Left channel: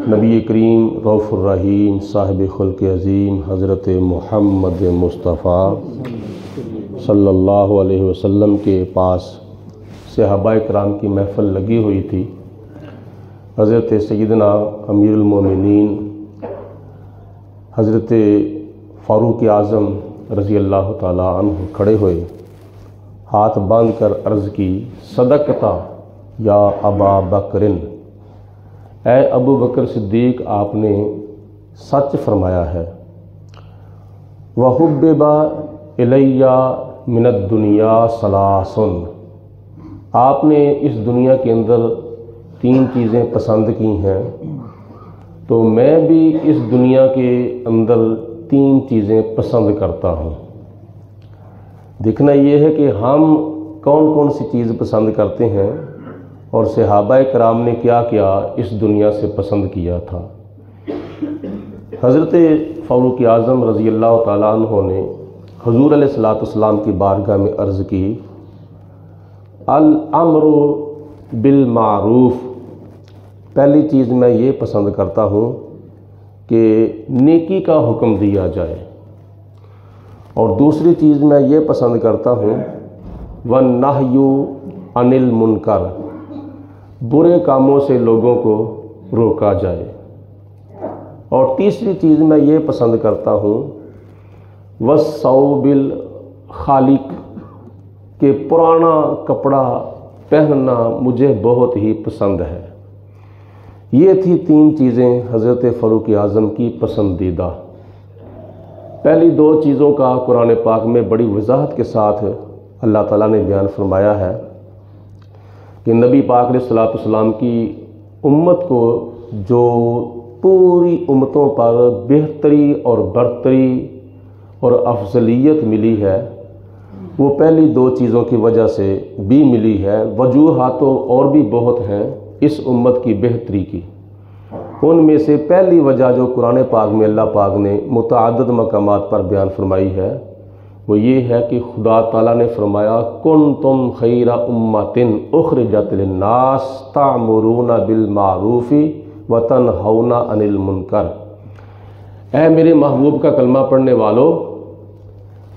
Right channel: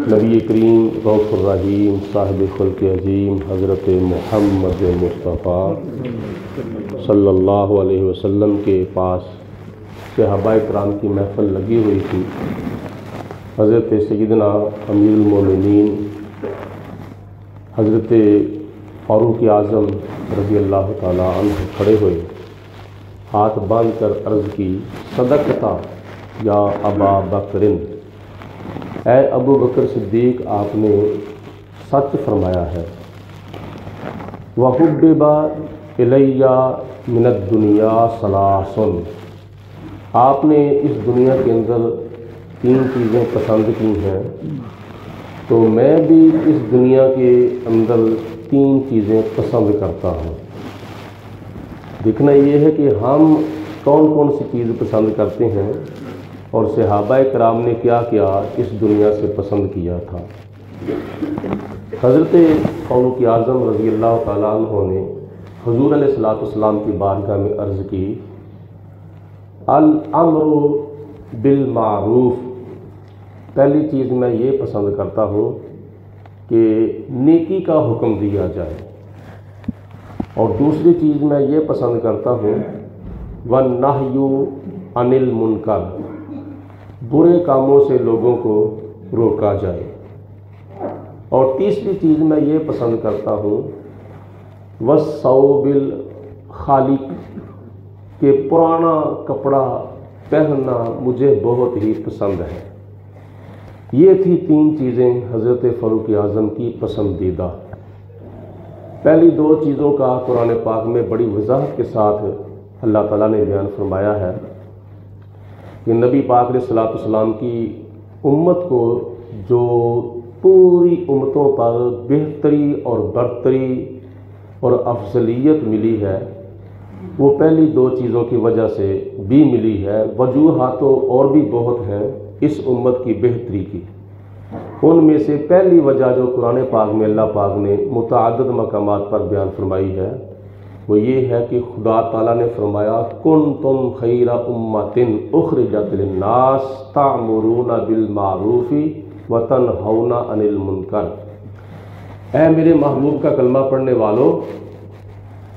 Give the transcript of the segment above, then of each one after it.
نبی کریم غوث الرحیم صاحب خلق عظیم حضرت محمد مصطفیٰ صلی اللہ علیہ وسلم کے پاس صحابہ کرام کی محفل لگی ہوئی تھی۔ حضرت سیدنا امیر المومنین حضرت فاروق اعظم رضی اللہ تعالیٰ عنہ کھڑے ہوئے، ہاتھ باندھ کر عرض کی، صدقتا یا ابا بکرن، اے ابو بکر صدیق آپ نے سچ فرمایا ہے۔ وَحُبِّبَ إِلَيَّ مِنَ الدُّنْيَا ثَلَاثٌ، آپ نے اس دنیا کے اندر 3 چیزیں پسند کی ہیں، تو میں بھی اس دنیا کے اندر 3 چیزیں پسند کرتا ہوں۔ دیکھنا یہ ہے کہ ہم کون کون سی چیز پسند کرتے ہیں اور صحابہ کرام نے کیا کیا اس دنیا سے پسند کیا تھا۔ حضرت فاروق اعظم رضی اللہ تعالیٰ عنہ نے حضور علیہ السلام کی بارگاہ میں عرض کی، الامر بالمعروف، پہلی چیز میں یہ پسند کرتا ہوں کہ نیکی کا حکم دیا جائے، اور دوسری چیز میں یہ پسند کرتا ہوں وَالنَّهْيُ عَنِ الْمُنْكَرِ، برے کاموں سے لوگوں کو روکا جائے، اور تیسری چیز میں یہ پسند کرتا ہوں وَالثَّوْبِ الْخَالِقِ، کہ پرانا کپڑا پہننا مجھے بہت ہی پسند ہے۔ یہ تھی 3 چیزیں حضرت فاروق اعظم کی پسندیدہ۔ پہلی 2 چیزوں کا قرآن پاک میں بڑی وضاحت کے ساتھ اللہ تعالیٰ نے بیان فرمایا ہے کہ نبی پاک علیہ السلام کی امت کو جو پوری امتوں پر بہتری اور برتری اور افضلیت ملی ہے، وہ پہلی 2 چیزوں کی وجہ سے بھی ملی ہے۔ وجوہات اور بھی بہت ہیں اس امت کی بہتری کی، ان میں سے پہلی وجہ جو قرآن پاک میں اللہ پاک نے متعدد مقامات پر بیان فرمائی ہے وہ یہ ہے کہ خدا تعالیٰ نے فرمایا، کنتم خیر امۃ اخرجت للناس تعمرون بالمعروف وتنہون عن المنکر، اے میرے محبوب کا کلمہ پڑھنے والو،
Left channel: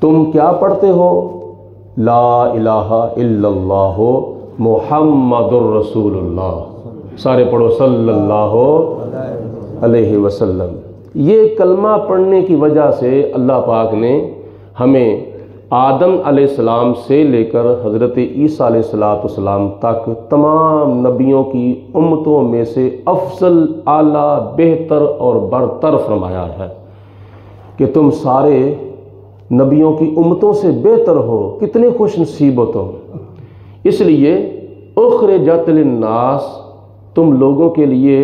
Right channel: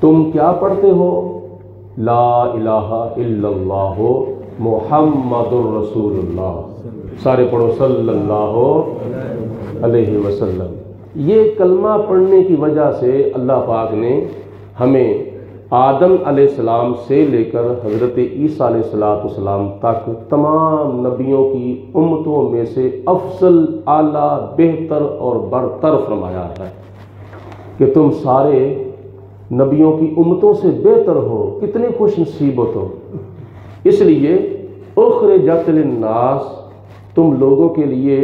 تم کیا پڑھتے ہو؟ لا الہ الا اللہ محمد الرسول اللہ، سارے پڑھو صلی اللہ علیہ وسلم۔ یہ کلمہ پڑھنے کی وجہ سے اللہ پاک نے ہمیں آدم علیہ السلام سے لے کر حضرت عیسیٰ علیہ السلام تک تمام نبیوں کی امتوں میں سے افضل، اعلیٰ، بہتر اور برتر فرمایا ہے کہ تم سارے نبیوں کی امتوں سے بہتر ہو، کتنے خوش نصیبت ہو۔ اس لیے اخرجت للناس، تم لوگوں کے لیے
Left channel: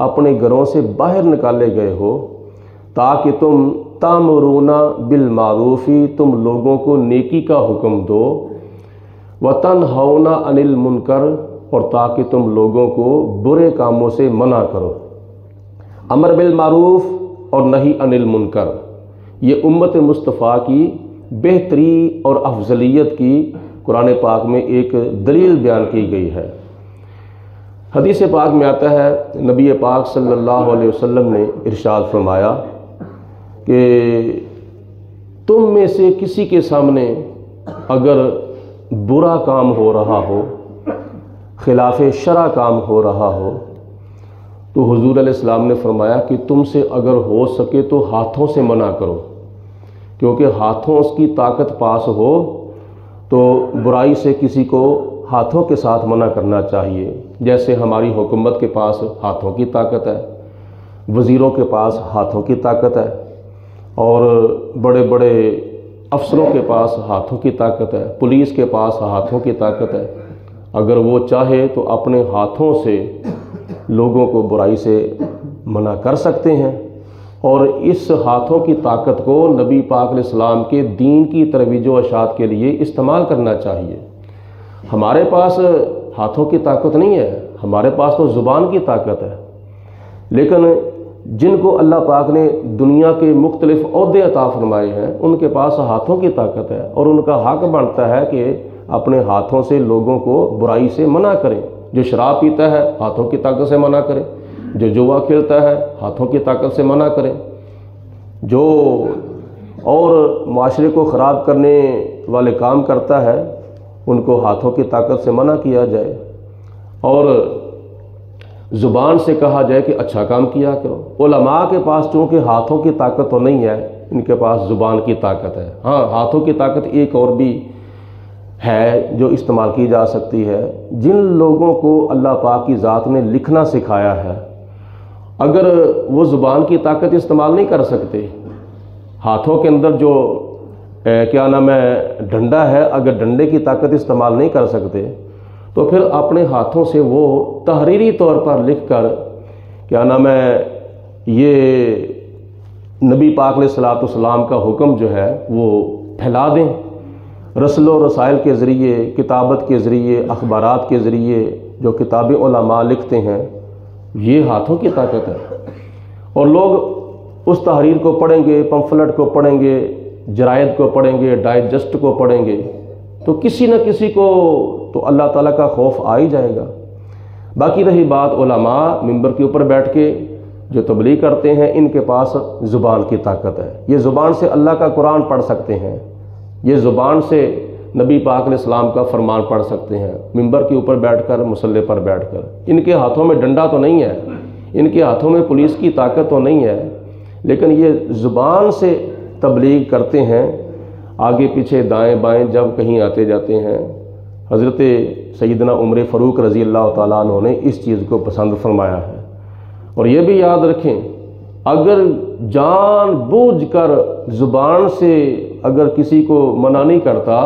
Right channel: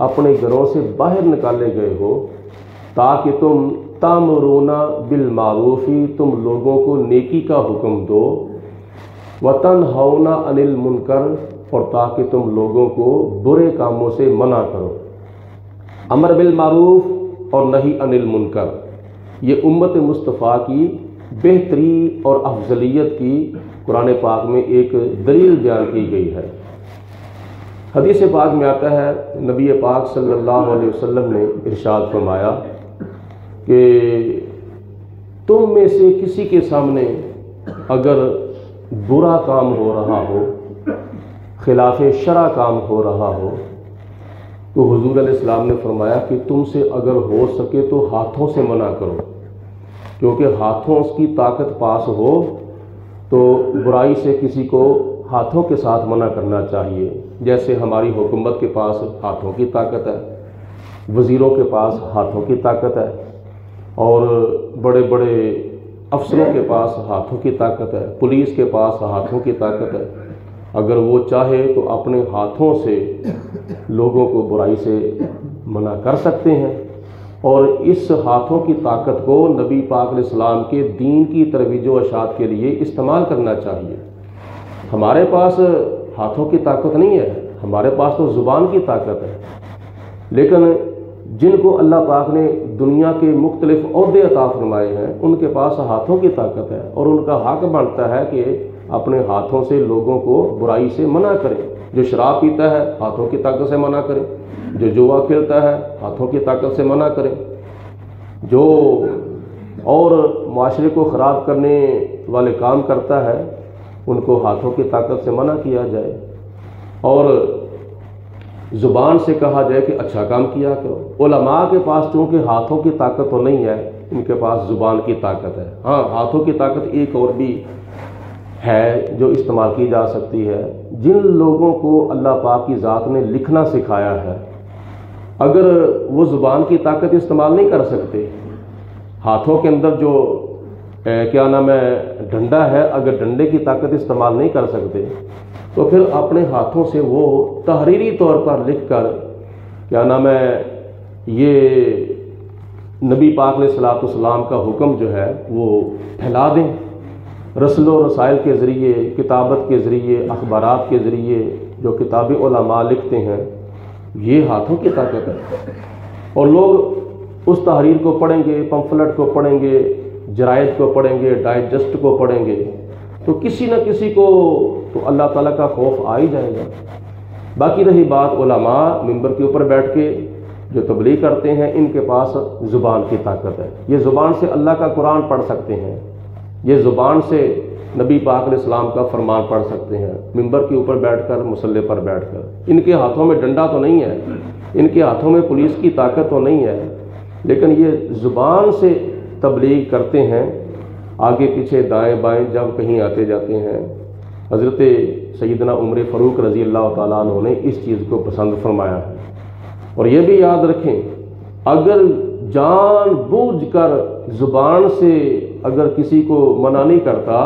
اپنے گھروں سے باہر نکالے گئے ہو تاکہ تم تامرون بالمعروف، تم لوگوں کو نیکی کا حکم دو، وتنہون عن المنکر، اور تاکہ تم لوگوں کو برے کاموں سے منع کرو۔ امر بالمعروف اور نہی عن المنکر، یہ امت مصطفیٰ کی بہتری اور افضلیت کی قرآن پاک میں ایک دلیل بیان کی گئی ہے۔ حدیث پاک میں آتا ہے، نبی پاک صلی اللہ علیہ وسلم نے ارشاد فرمایا کہ تم میں سے کسی کے سامنے اگر برا کام ہو رہا ہو، خلاف شرع کام ہو رہا ہو، تو حضور علیہ السلام نے فرمایا کہ تم سے اگر ہو سکے تو ہاتھوں سے منع کرو، کیونکہ ہاتھوں اس کی طاقت پاس ہو تو برائی سے کسی کو ہاتھوں کے ساتھ منع کرنا چاہیے۔ جیسے ہماری حکومت کے پاس ہاتھوں کی طاقت ہے، وزیروں کے پاس ہاتھوں کی طاقت ہے، اور بڑے بڑے افسروں کے پاس ہاتھوں کی طاقت ہے، پولیس کے پاس ہاتھوں کی طاقت ہے، اگر وہ چاہے تو اپنے ہاتھوں سے لوگوں کو برائی سے منع کر سکتے ہیں، اور اس ہاتھوں کی طاقت کو نبی پاک علیہ السلام کے دین کی ترویج و اشاعت کے لیے استعمال کرنا چاہیے۔ ہمارے پاس ہاتھوں کی طاقت نہیں ہے، ہمارے پاس تو زبان کی طاقت ہے، لیکن جن کو اللہ پاک نے دنیا کے مختلف عہدے عطا فرمائے ہیں ان کے پاس ہاتھوں کی طاقت ہے، اور ان کا حق بنتا ہے کہ اپنے ہاتھوں سے لوگوں کو برائی سے منع کرے۔ جو شراب پیتا ہے ہاتھوں کی طاقت سے منع کرے، جو جوا کھیلتا ہے ہاتھوں کی طاقت سے منع کریں، جو اور معاشرے کو خراب کرنے والے کام کرتا ہے ان کو ہاتھوں کی طاقت سے منع کیا جائے، اور زبان سے کہا جائے کہ اچھا کام کیا کرو۔ علماء کے پاس چونکہ ہاتھوں کی طاقت تو نہیں ہے، ان کے پاس زبان کی طاقت ہے۔ ہاں، ہاتھوں کی طاقت ایک اور بھی ہے جو استعمال کی جا سکتی ہے۔ جن لوگوں کو اللہ پاک کی ذات نے لکھنا سکھایا ہے، اگر وہ زبان کی طاقت استعمال نہیں کر سکتے، ہاتھوں کے اندر جو کیا نام ہے ڈنڈا ہے، اگر ڈنڈے کی طاقت استعمال نہیں کر سکتے تو پھر اپنے ہاتھوں سے وہ تحریری طور پر لکھ کر کیا نام ہے یہ نبی پاک علیہ الصلوۃ والسلام کا حکم جو ہے وہ پھیلا دیں۔ رسل و رسائل کے ذریعے، کتابت کے ذریعے، اخبارات کے ذریعے جو کتابیں علماء لکھتے ہیں، یہ ہاتھوں کی طاقت ہے، اور لوگ اس تحریر کو پڑھیں گے، پمفلٹ کو پڑھیں گے، جرائد کو پڑھیں گے، ڈائجسٹ کو پڑھیں گے، تو کسی نہ کسی کو تو اللہ تعالیٰ کا خوف آ ہی جائے گا۔ باقی رہی بات علماء ممبر کے اوپر بیٹھ کے جو تبلیغ کرتے ہیں، ان کے پاس زبان کی طاقت ہے، یہ زبان سے اللہ کا قرآن پڑھ سکتے ہیں، یہ زبان سے نبی پاک علیہ السلام کا فرمان پڑھ سکتے ہیں، ممبر کے اوپر بیٹھ کر، مصلی پر بیٹھ کر۔ ان کے ہاتھوں میں ڈنڈا تو نہیں ہے، ان کے ہاتھوں میں پولیس کی طاقت تو نہیں ہے، لیکن یہ زبان سے تبلیغ کرتے ہیں، آگے پیچھے دائیں بائیں جب کہیں آتے جاتے ہیں۔ حضرت سیدنا عمر فاروق رضی اللہ تعالیٰ عنہ نے اس چیز کو پسند فرمایا ہے۔ اور یہ بھی یاد رکھیں، اگر جان بوجھ کر زبان سے اگر کسی کو منع نہیں کرتا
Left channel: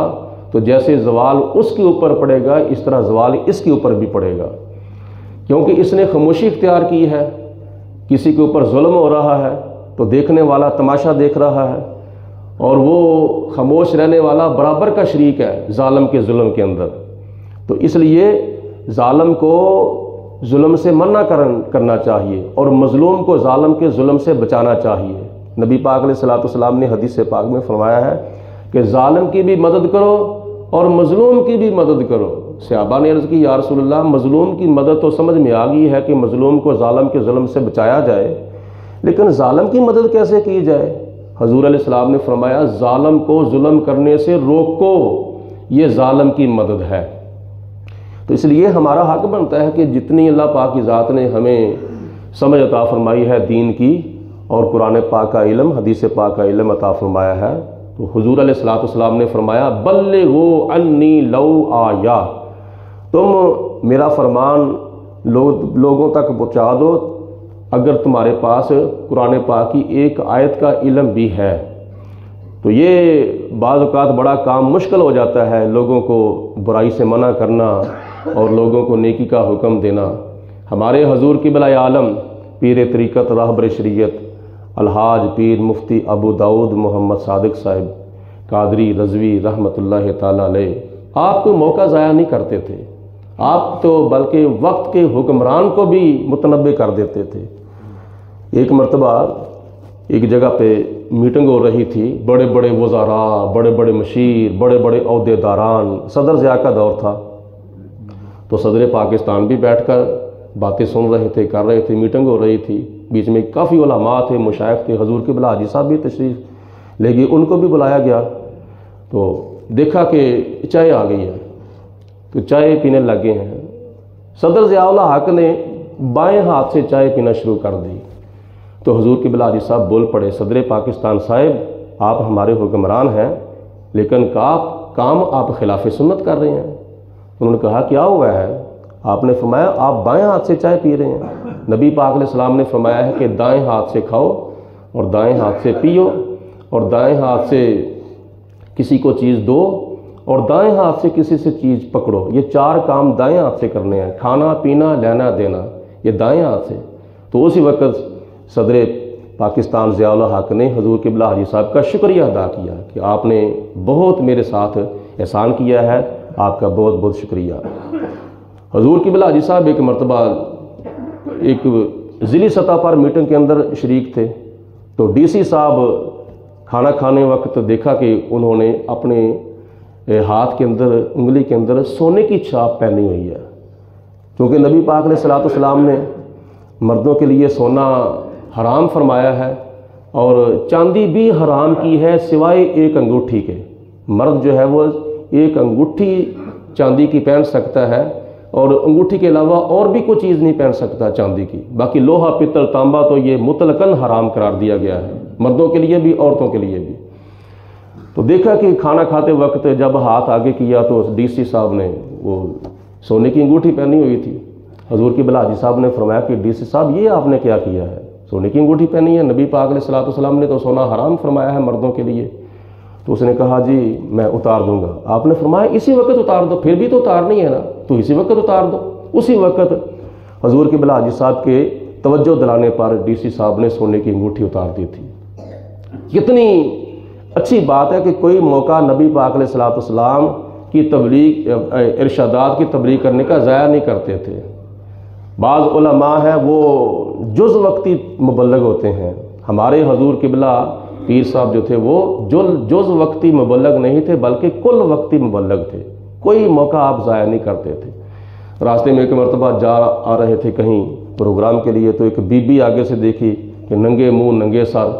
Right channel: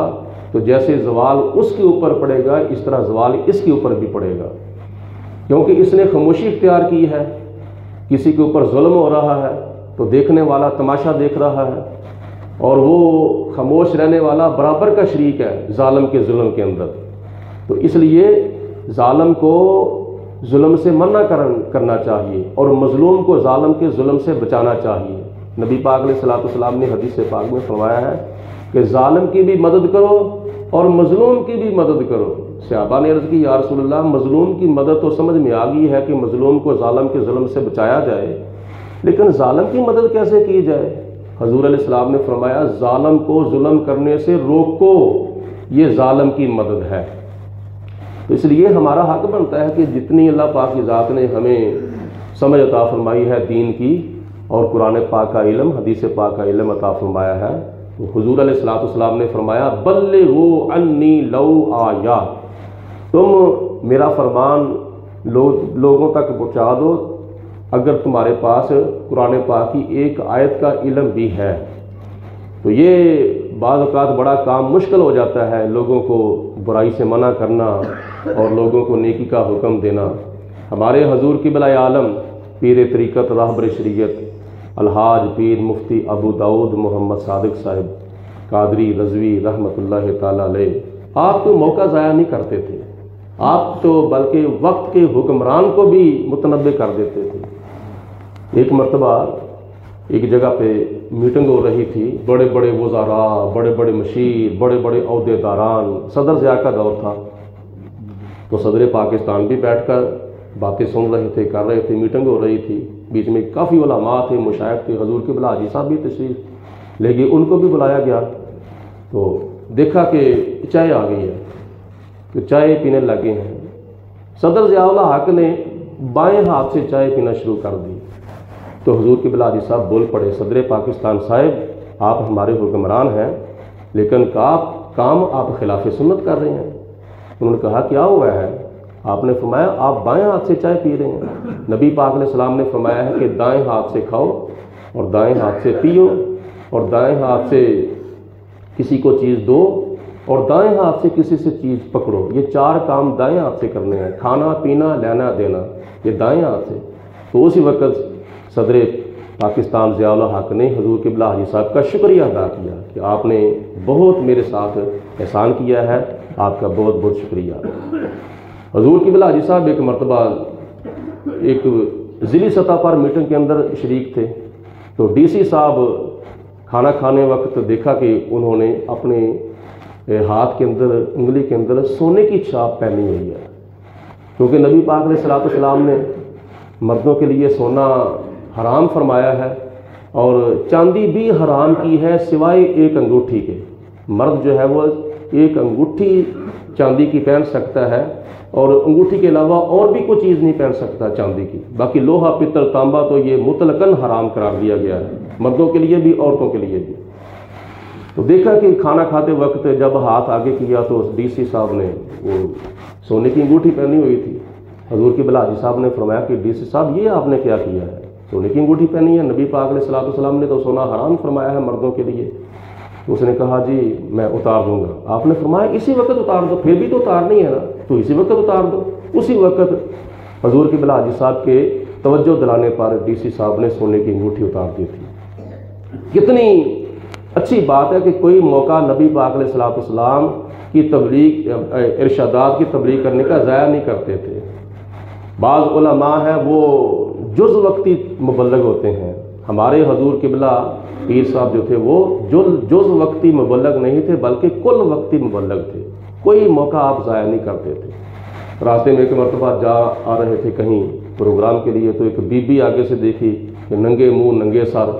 تو جیسے زوال اس کے اوپر پڑے گا، اس طرح زوال اس کے اوپر بھی پڑے گا، کیونکہ اس نے خاموشی اختیار کی ہے۔ کسی کے اوپر ظلم ہو رہا ہے تو دیکھنے والا تماشا دیکھ رہا ہے، اور وہ خاموش رہنے والا برابر کا شریک ہے ظالم کے ظلم کے اندر۔ تو اس لیے ظالم کو ظلم سے منع کرنا چاہیے، اور مظلوم کو ظالم کے ظلم سے بچانا چاہیے۔ نبی پاک علیہ الصلوۃ والسلام نے حدیث پاک میں فرمایا ہے کہ ظالم کی بھی مدد کرو اور مظلوم کی بھی مدد کرو۔ صحابہ نے عرض کی یا رسول اللہ، مظلوم کی مدد تو سمجھ میں آ گئی ہے کہ مظلوم کو ظالم کے ظلم سے بچایا جائے، لیکن ظالم کی مدد کیسے کی جائے؟ حضور علیہ السلام نے فرمایا ظالم کو ظلم کرنے سے روکو، یہ ظالم کی مدد ہے۔ تو اس لیے ہمارا حق بنتا ہے کہ جتنی اللہ پاک کی ذات نے ہمیں سمجھ عطا فرمائی ہے دین کی، اور قرآن پاک کا علم، حدیث پاک کا علم عطا فرمایا ہے، تو حضور علیہ الصلوۃ والسلام نے فرمایا بلغوا عنی لو آیا، تم میرا فرمان لوگوں تک پہنچا دو اگر تمہارے پاس قرآن پاک کی ایک آیت کا علم بھی ہے۔ تو یہ بعض اوقات بڑا کام مشکل ہو جاتا ہے، لوگوں کو برائی سے منع کرنا اور لوگوں کو نیکی کا حکم دینا۔ ہمارے حضور قبلہ عالم پیر طریقت راہبر شریعت الحاج پیر مفتی ابو داؤد محمد صادق صاحب قادری رضوی رحمۃ اللہ تعالیٰ علیہ، آپ کو موقع ضائع نہیں کرتے تھے، آپ تو بلکہ وقت کے حکمران کو بھی متنبع کر دیتے تھے۔ ایک مرتبہ ایک جگہ پہ میٹنگ ہو رہی تھی، بڑے بڑے وزراء، بڑے بڑے مشیر، بڑے بڑے عہدے داران، صدر ضیاء کا دور تھا، تو صدر پاکستان بھی بیٹھ کر باتیں سن رہے تھے، کر رہے تھے، میٹنگ ہو رہی تھی، بیچ میں کافی علماء تھے، مشائخ تھے، حضور قبلہ حاجی صاحب بھی تشریف لے گئے، ان کو بھی بلایا گیا، تو دیکھا کہ چائے آ گئی ہے، تو چائے پینے لگے ہیں۔ صدر ضیاء الحق نے بائیں ہاتھ سے چائے پینا شروع کر دی، تو حضور قبلہ حاجی صاحب بول پڑے، صدر پاکستان صاحب آپ ہمارے حکمران ہیں، لیکن کام آپ خلاف سنت کر رہے ہیں۔ انہوں نے کہا کیا ہوا ہے؟ آپ نے فرمایا آپ بائیں ہاتھ سے چائے پی رہے ہیں، نبی پاک علیہ السلام نے فرمایا ہے کہ دائیں ہاتھ سے کھاؤ اور دائیں ہاتھ سے پیو، اور دائیں ہاتھ سے کسی کو چیز دو اور دائیں ہاتھ سے کسی سے چیز پکڑو، یہ چار کام دائیں ہاتھ سے کرنے ہیں، کھانا پینا لینا دینا، یہ دائیں ہاتھ سے۔ تو اسی وقت صدر پاکستان ضیاء الحق نے حضور قبلہ حاجی صاحب کا شکریہ ادا کیا کہ آپ نے بہت میرے ساتھ احسان کیا ہے، آپ کا بہت بہت شکریہ۔ حضور قبلہ حاجی صاحب ایک مرتبہ ایک ضلعی سطح پر میٹنگ کے اندر شریک تھے، تو ڈی سی صاحب کھانا کھانے وقت دیکھا کہ انہوں نے اپنے ہاتھ کے اندر، انگلی کے اندر سونے کی چھاپ پہنی ہوئی ہے، کیونکہ نبی پاک علیہ الصلوۃ والسلام نے مردوں کے لیے سونا حرام فرمایا ہے اور چاندی بھی حرام کی ہے سوائے ایک انگوٹھی کے۔ مرد جو ہے وہ ایک انگوٹھی چاندی کی پہن سکتا ہے اور انگوٹھی کے علاوہ اور بھی کوئی چیز نہیں پہن سکتا چاندی کی۔ باقی لوہا پتل تانبا تو یہ مطلقاً حرام قرار دیا گیا ہے، مردوں کے لیے بھی عورتوں کے لیے بھی۔ تو دیکھا کہ کھانا کھاتے وقت جب ہاتھ آگے کیا تو ڈی سی صاحب نے وہ سونے کی انگوٹھی پہنی ہوئی تھی۔ حضور کی بلا حاجی صاحب نے فرمایا کہ ڈی سی صاحب یہ آپ نے کیا کیا ہے، سونے کی انگوٹھی پہنی ہے، نبی پاک علیہ الصلوۃ والسلام نے تو سونا حرام فرمایا ہے مردوں کے لیے۔ تو اس نے کہا جی میں اتار دوں گا۔ آپ نے فرمایا اسی وقت اتار دو، پھر بھی تو اتارنی ہے نا، تو اسی وقت اتار دو۔ اسی وقت حضور کی بلا حاجی صاحب کے توجہ دلانے پر ڈی سی صاحب نے سونے کی انگوٹھی اتار دی تھی۔ کتنی اچھی بات ہے کہ کوئی موقع نبی پاک علیہ الصلوۃ والسلام کی تبلیغ ارشادات کی تبلیغ کرنے کا ضائع نہیں کرتے تھے۔ بعض علماء ہیں وہ جز وقتی مبلغ ہوتے ہیں، ہمارے حضور قبلہ پیر صاحب جو تھے وہ جز وقتی مبلغ نہیں تھے بلکہ کل وقتی مبلغ تھے، کوئی موقع آپ ضائع نہیں کرتے تھے۔ راستے میں ایک مرتبہ آ رہے تھے کہیں پروگرام کے لیے، تو ایک بی بی آگے سے دیکھی کہ ننگے منہ ننگے سر۔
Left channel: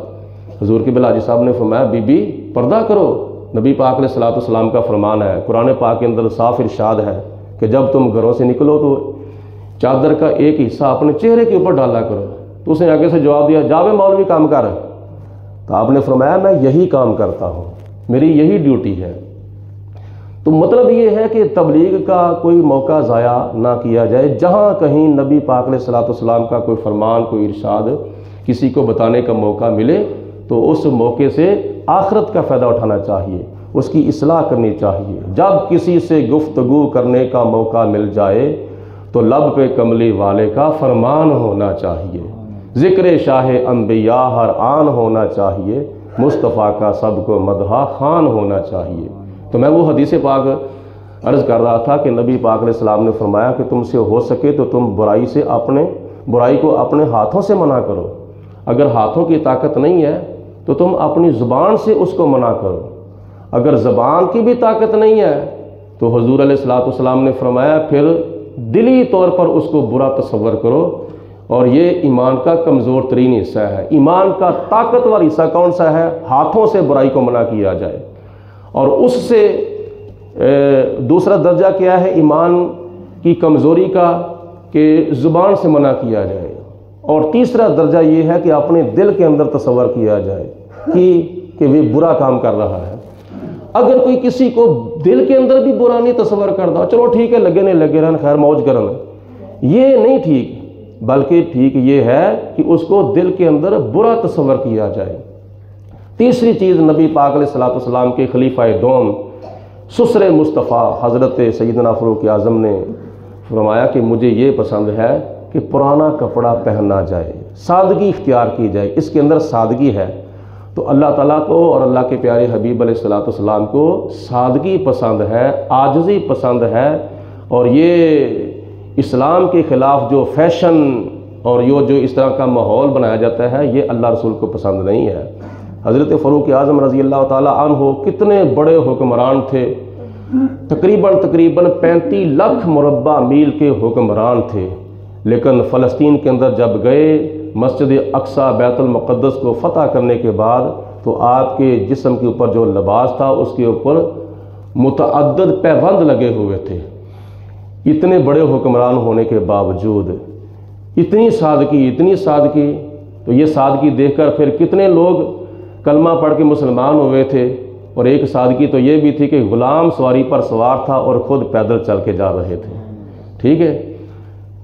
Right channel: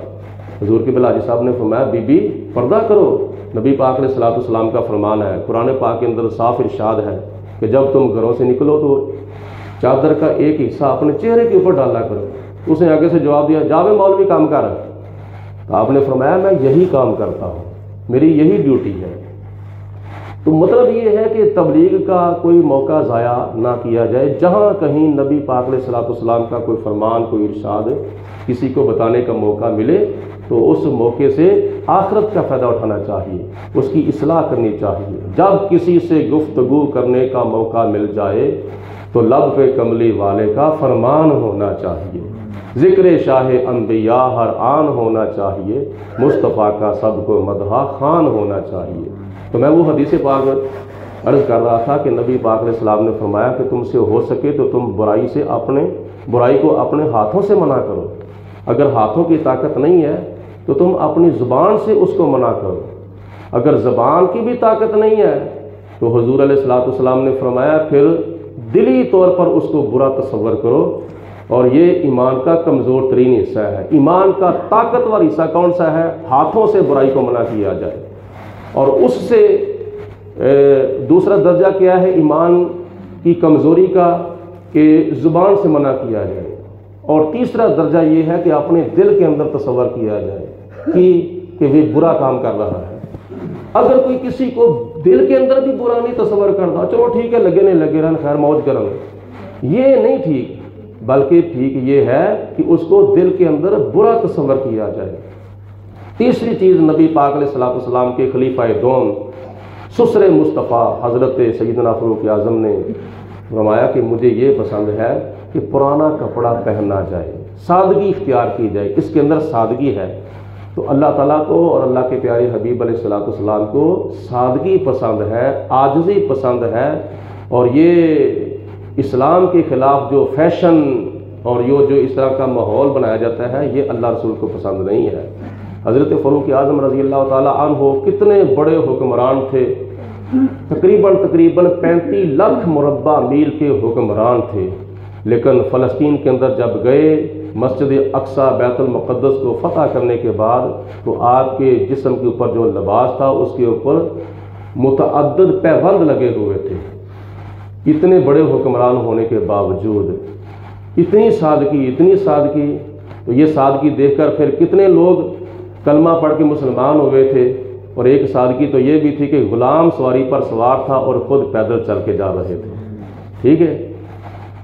حضور کی بلا حاجی صاحب نے فرمایا بی بی پردہ کرو، نبی پاک علیہ الصلوۃ والسلام کا فرمان ہے، قرآن پاک کے اندر صاف ارشاد ہے کہ جب تم گھروں سے نکلو تو چادر کا ایک حصہ اپنے چہرے کے اوپر ڈالا کرو۔ اس نے آگے سے جواب دیا جاوے مولوی کام کر۔ تو آپ نے فرمایا میں یہی کام کرتا ہوں، میری یہی ڈیوٹی ہے۔ تو مطلب یہ ہے کہ تبلیغ کا کوئی موقع ضائع نہ کیا جائے، جہاں کہیں نبی پاک علیہ الصلوۃ والسلام کا کوئی فرمان کوئی ارشاد کسی کو بتانے کا موقع ملے تو اس موقع سے آخرت کا فائدہ اٹھانا چاہیے، اس کی اصلاح کرنی چاہیے۔ جب کسی سے گفتگو کرنے کا موقع مل جائے تو لب پہ کملی والے کا فرمان ہونا چاہیے، ذکر شاہ انبیاء ہر آن ہونا چاہیے، مصطفیٰ کا سب کو مدحہ خوان ہونا چاہیے۔ تو میں وہ حدیث پاک عرض کر رہا تھا کہ نبی پاک علیہ السلام نے فرمایا کہ تم سے ہو سکے تو تم برائی کو اپنے ہاتھوں سے منع کرو، اگر ہاتھوں کی طاقت نہیں ہے تو تم اپنی زبان سے اس کو منع کرو، اگر زبان کی بھی طاقت نہیں ہے تو حضور علیہ الصلوۃ والسلام نے فرمایا پھر دلی طور پر اس کو برا تصور کرو، اور یہ ایمان کا کمزور ترین حصہ ہے۔ ایمان کا طاقتور حصہ کون سا ہے؟ ہاتھوں سے برائی کو منع کیا جائے، اور اس سے دوسرا درجہ کیا ہے ایمان کی کمزوری کا کہ زبان سے منع کیا جائے، اور تیسرا درجہ یہ ہے کہ اپنے دل کے اندر تصور کیا جائے کہ وہ برا کام کر رہا ہے۔ اگر کوئی کسی کو دل کے اندر بھی برا نہیں تصور کرتا، چلو ٹھیک ہے لگے نہیں لگے رہن خیر موج کرن، یہ نہیں ٹھیک، بلکہ ٹھیک یہ ہے کہ اس کو دل کے اندر برا تصور کیا جائے۔ تیسری چیز نبی پاک علیہ الصلوۃ والسلام کے خلیفہ دوم سسر مصطفیٰ حضرت سیدنا فاروق اعظم نے فرمایا کہ مجھے یہ پسند ہے کہ پرانا کپڑا پہننا جائے، سادگی اختیار کی جائے، اس کے اندر سادگی ہے۔ تو اللہ تعالیٰ کو اور اللہ کے پیارے حبیب علیہ الصلوۃ والسلام کو سادگی پسند ہے، عاجزی پسند ہے، اور یہ اسلام کے خلاف جو فیشن اور جو اس طرح کا ماحول بنایا جاتا ہے یہ اللہ رسول کو پسند نہیں ہے۔ حضرت فاروق اعظم رضی اللہ تعالیٰ عنہ کتنے بڑے حکمران تھے، تقریباً 35 لاکھ مربع میل کے حکمران تھے، لیکن فلسطین کے اندر جب گئے مسجد اقصی بیت المقدس کو فتح کرنے کے بعد تو آپ کے جسم کے اوپر جو لباس تھا اس کے اوپر متعدد پیوند لگے ہوئے تھے۔ اتنے بڑے حکمران ہونے کے باوجود اتنی سادگی، تو یہ سادگی دیکھ کر پھر کتنے لوگ کلمہ پڑھ کے مسلمان ہوئے تھے، اور ایک سادگی تو یہ بھی تھی کہ غلام سواری پر سوار تھا اور خود پیدل چل کے جا رہے تھے۔ ٹھیک ہے،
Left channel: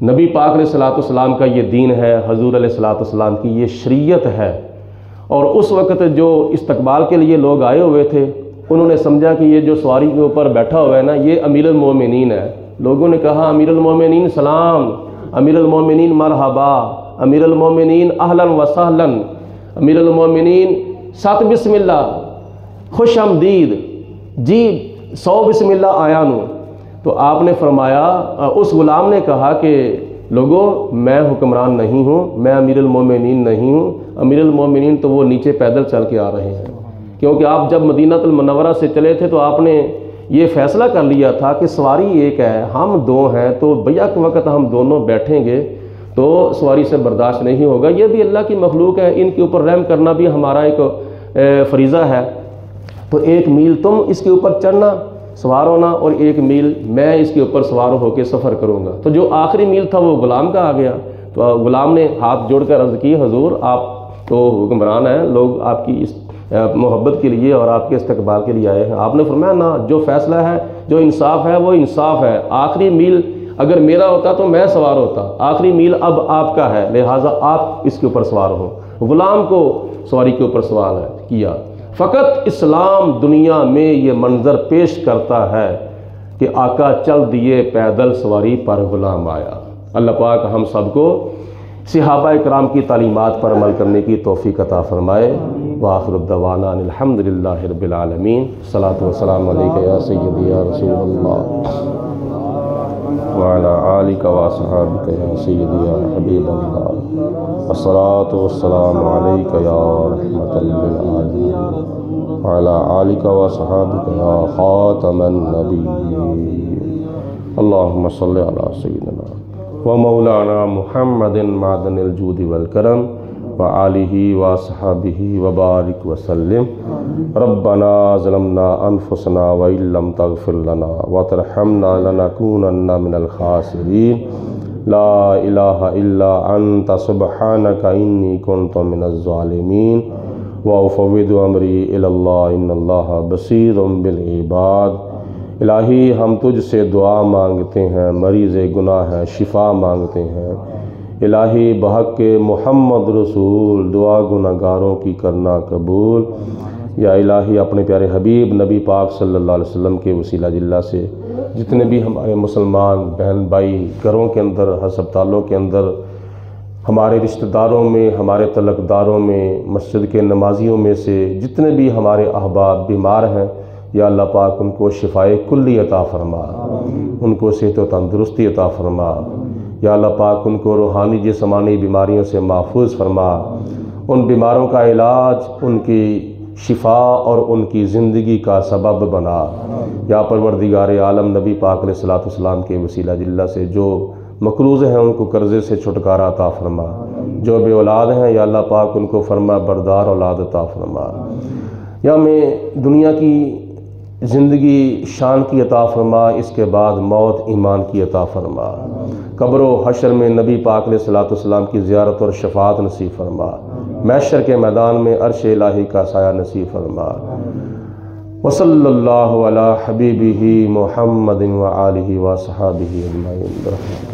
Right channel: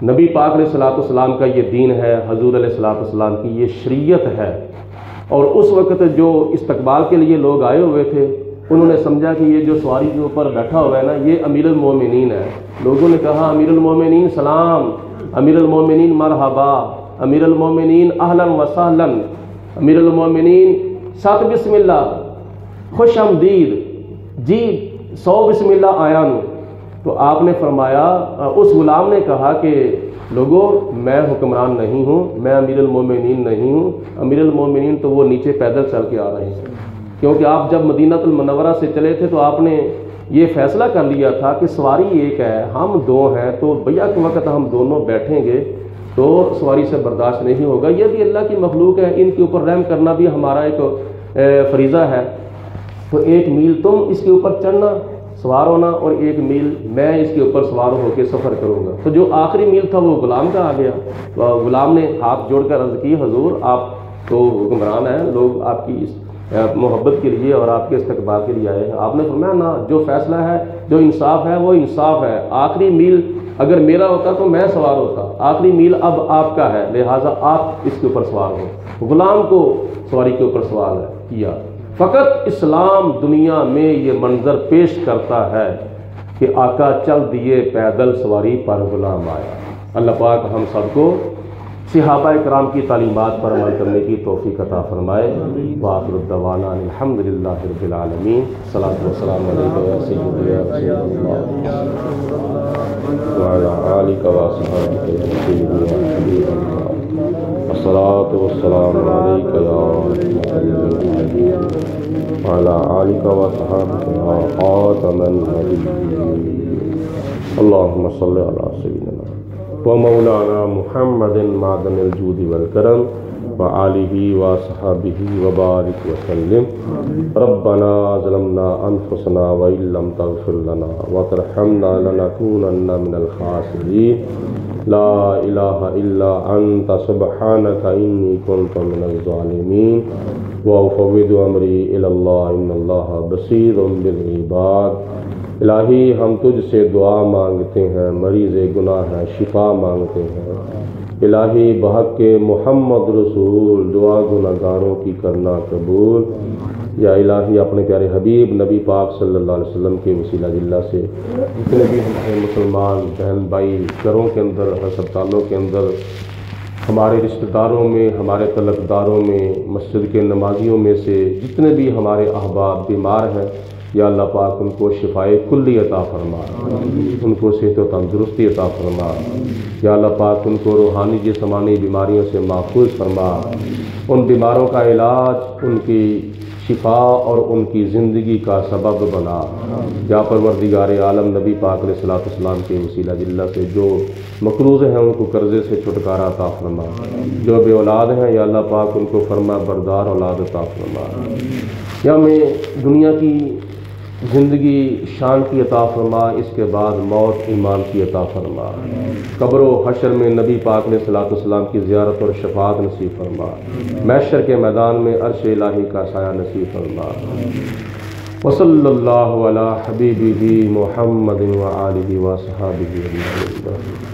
نبی پاک علیہ الصلوۃ والسلام کا یہ دین ہے، حضور علیہ الصلوۃ والسلام کی یہ شریعت ہے۔ اور اس وقت جو استقبال کے لیے لوگ آئے ہوئے تھے انہوں نے سمجھا کہ یہ جو سواری کے اوپر بیٹھا ہوا ہے نا یہ امیر المومنین ہے۔ لوگوں نے کہا امیر المومنین سلام، امیر المومنین مرحبا، امیر المومنین اہلا و سہلا، امیر المومنین سات بسم اللہ، خوش آمدید جی، 100 بسم اللہ آیا نو۔ تو آپ نے فرمایا، اس غلام نے کہا کہ لوگوں میں حکمران نہیں ہوں، میں امیر المومنین نہیں ہوں، امیر المومنین تو وہ نیچے پیدل چل کے آ رہے ہیں، کیونکہ آپ جب مدینہ المنورہ سے چلے تھے تو آپ نے یہ فیصلہ کر لیا تھا کہ سواری ایک ہے، ہم دو ہیں، تو بیک وقت ہم دونوں بیٹھیں گے تو سواری سے برداشت نہیں ہوگا۔ یہ بھی اللہ کی مخلوق ہے، ان کے اوپر رحم کرنا بھی ہمارا ایک فریضہ ہے۔ تو 1 میل تم اس کے اوپر چڑھنا سوار ہونا اور 1 میل میں اس کے اوپر سوار ہو کے سفر کروں گا۔ تو جو آخری میل تھا وہ غلام کا آ گیا، تو غلام نے ہاتھ جوڑ کر عرض کی حضور آپ تو حکمران ہیں، لوگ آپ کی اس محبت کے لیے اور آپ کے استقبال کے لیے آئے ہیں۔ آپ نے فرمایا نہ، جو فیصلہ ہے، جو انصاف ہے وہ انصاف ہے، آخری میل اگر میرا ہوتا تو میں سوار ہوتا، آخری میل اب آپ کا ہے، لہٰذا آپ اس کے اوپر سوار ہو۔ غلام کو سواری کے اوپر سوار کیا۔ فقط اسلام دنیا میں یہ منظر پیش کرتا ہے کہ آقا چل دیے پیدل، سواری پر غلام آیا۔ اللہ پاک ہم سب کو صحابہ کرام کی تعلیمات پر عمل کرنے کی توفیق عطا فرمائے۔ وآخر الدعوانا الحمدللہ رب العالمین۔ صلاۃ والسلام علیک یا سیدی یا رسول اللہ وعلی آلک واصحابک یا سیدی یا حبیب اللہ۔ الصلاۃ والسلام علیک یا رحمۃ للعالمین وعلی آلک واصحابک یا خاتم النبیین۔ اللہم صلی علی سیدنا ومولانا محمد معدن الجود والکرم وآلہ وصحبہ وبارک وسلم۔ ربنا ظلمنا انفسنا وإن لم تغفر لنا وترحمنا لنکونن من الخاسرین۔ لا الہ الا انت سبحانک انی کنت من الظالمین۔ وافوض امری الی اللہ ان اللہ بصیر بالعباد۔ الہی ہم تجھ سے دعا مانگتے ہیں، مریض گناہ ہے شفا مانگتے ہیں۔ الہی بحق محمد رسول دعا گناہ گاروں کی کرنا قبول۔ یا الہی اپنے پیارے حبیب نبی پاک صلی اللہ علیہ وسلم کے وسیلہ جلہ سے جتنے بھی ہمارے مسلمان بہن بھائی گھروں کے اندر، ہسپتالوں کے اندر، ہمارے رشتہ داروں میں، ہمارے تعلقداروں میں، مسجد کے نمازیوں میں سے جتنے بھی ہمارے احباب بیمار ہیں، یا اللہ پاک ان کو شفائے کلی عطا فرما، ان کو صحت و تندرستی عطا فرما۔ یا اللہ پاک ان کو روحانی جسمانی بیماریوں سے محفوظ فرما، ان بیماروں کا علاج، ان کی شفا اور ان کی زندگی کا سبب بنا۔ یا پروردگار عالم نبی پاک علیہ السلام کے وسیلہ جلہ سے جو مقروض ہیں ان کو قرضے سے چھٹکارا عطا فرما، جو بے اولاد ہیں یا اللہ پاک ان کو فرما بردار اولاد عطا فرما۔ یا ہمیں دنیا کی زندگی شان کی عطا فرما، اس کے بعد موت ایمان کی عطا فرما۔ قبر و حشر میں نبی پاک علیہ السلام کی زیارت اور شفاعت نصیب فرما۔ محشر کے میدان میں عرش الہی کا سایہ نصیب فرما۔ وصلی اللہ علی حبیبہ محمد وآلہ وصحبہ اجمعین۔